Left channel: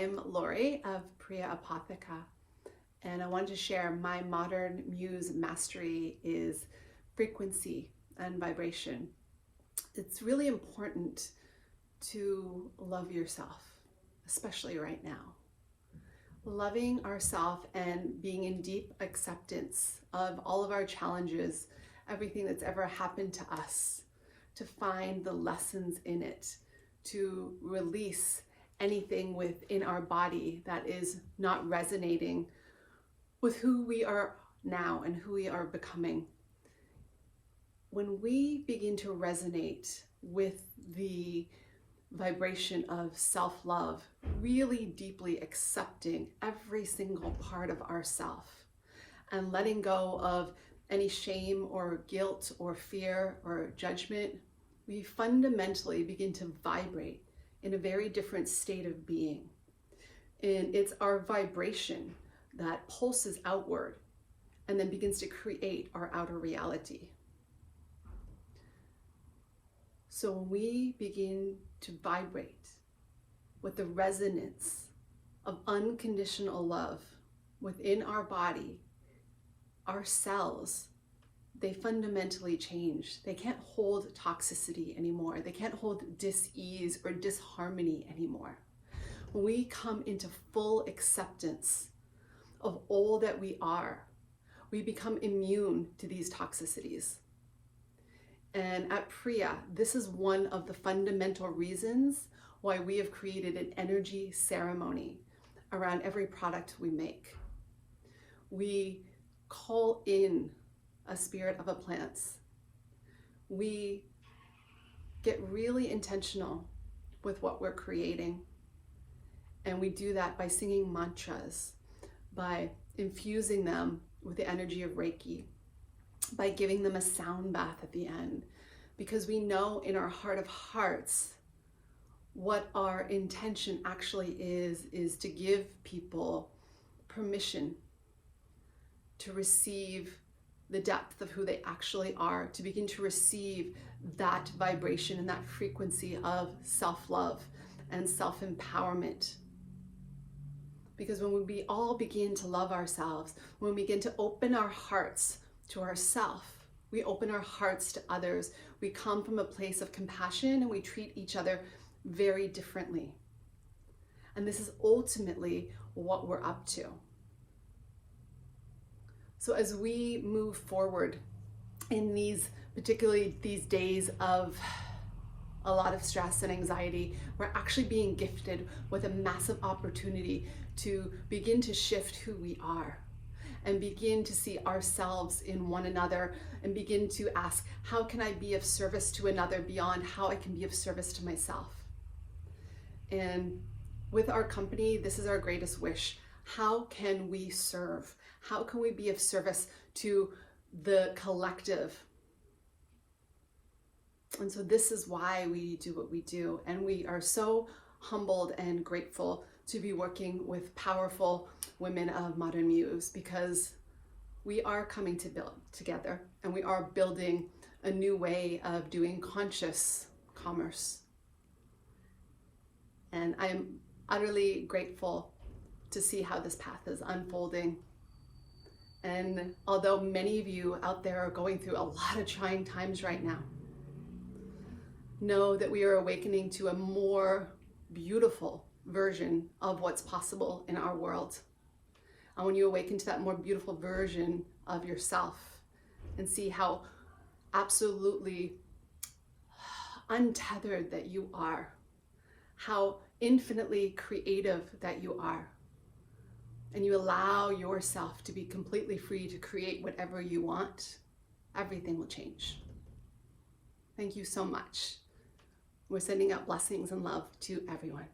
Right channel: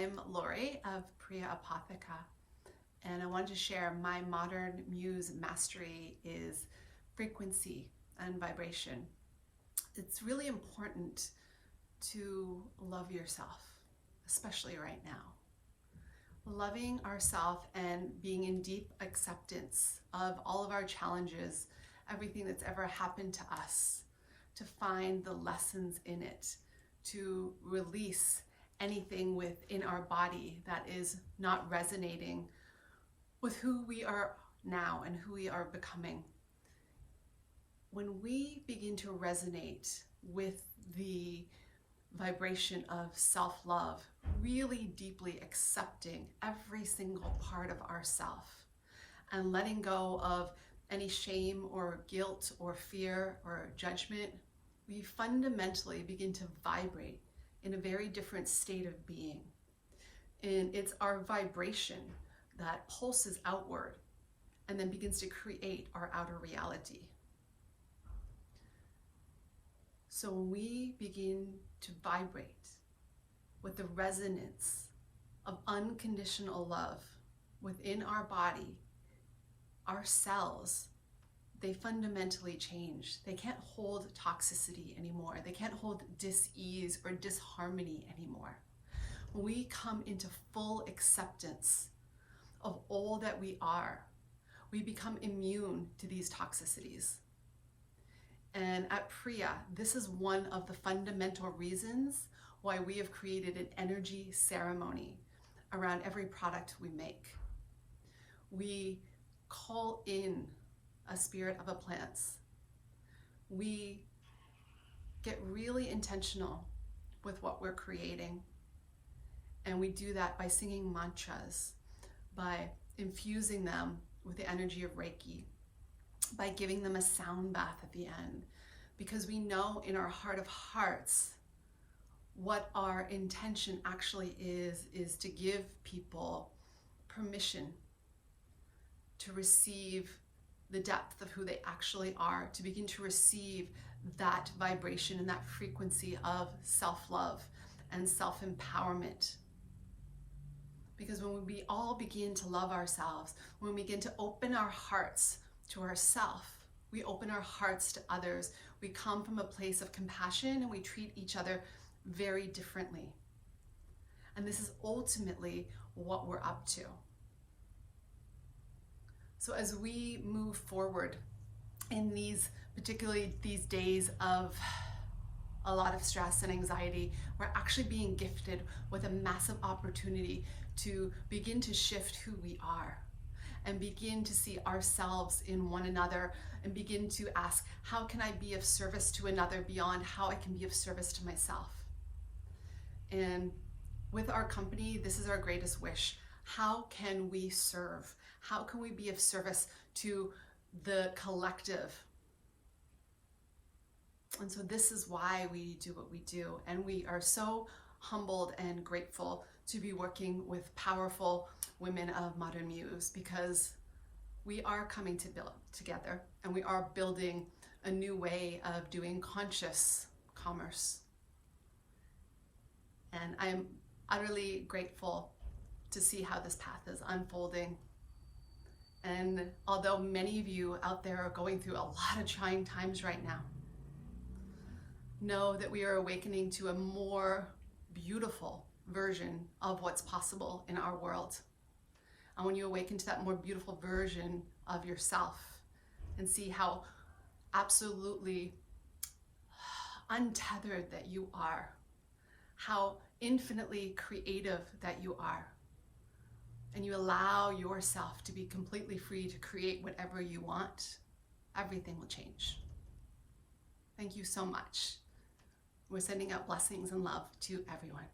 I'm Lori of Priya Apotheca, and I wanted to share my Modern Muze Mastery is frequency and vibration. It's really important to love yourself, especially right now. Loving ourselves and being in deep acceptance of all of our challenges, everything that's ever happened to us, to find the lessons in it, to release anything within our body that is not resonating with who we are now and who we are becoming. When we begin to resonate with the vibration of self-love, really deeply accepting every single part of ourself and letting go of any shame or guilt or fear or judgment, we fundamentally begin to vibrate in a very different state of being. And it's our vibration that pulses outward and then begins to create our outer reality. So when we begin to vibrate with the resonance of unconditional love within our body, our cells, they fundamentally change. They can't hold toxicity anymore. They can't hold dis-ease or disharmony anymore. When we come into full acceptance of all that we are, we become immune to these toxicities. And at Priya, this is one of the fundamental reasons why we have created an energy ceremony around every product we make. We call in a spirit of a plant. We get really intentional with what we're creating. And we do that by singing mantras, by infusing them with the energy of Reiki, by giving them a sound bath at the end, because we know in our heart of hearts what our intention actually is to give people permission to receive the depth of who they actually are, to begin to receive that vibration and that frequency of self-love and self-empowerment. Because when we all begin to love ourselves, when we begin to open our hearts to ourselves, we open our hearts to others, we come from a place of compassion and we treat each other very differently. And this is ultimately what we're up to. So as we move forward in particularly these days of a lot of stress and anxiety, we're actually being gifted with a massive opportunity to begin to shift who we are and begin to see ourselves in one another and begin to ask, how can I be of service to another beyond how I can be of service to myself? And with our company, this is our greatest wish. How can we serve? How can we be of service to the collective? And so this is why we do what we do. And we are so humbled and grateful to be working with powerful women of Modern Muze, because we are coming to build together and we are building a new way of doing conscious commerce. And I am utterly grateful to see how this path is unfolding. And although many of you out there are going through a lot of trying times right now, know that we are awakening to a more beautiful version of what's possible in our world. And when you awaken to that more beautiful version of yourself and see how absolutely untethered that you are, how infinitely creative that you are, and you allow yourself to be completely free to create whatever you want, everything will change. Thank you so much. We're sending out blessings and love to everyone.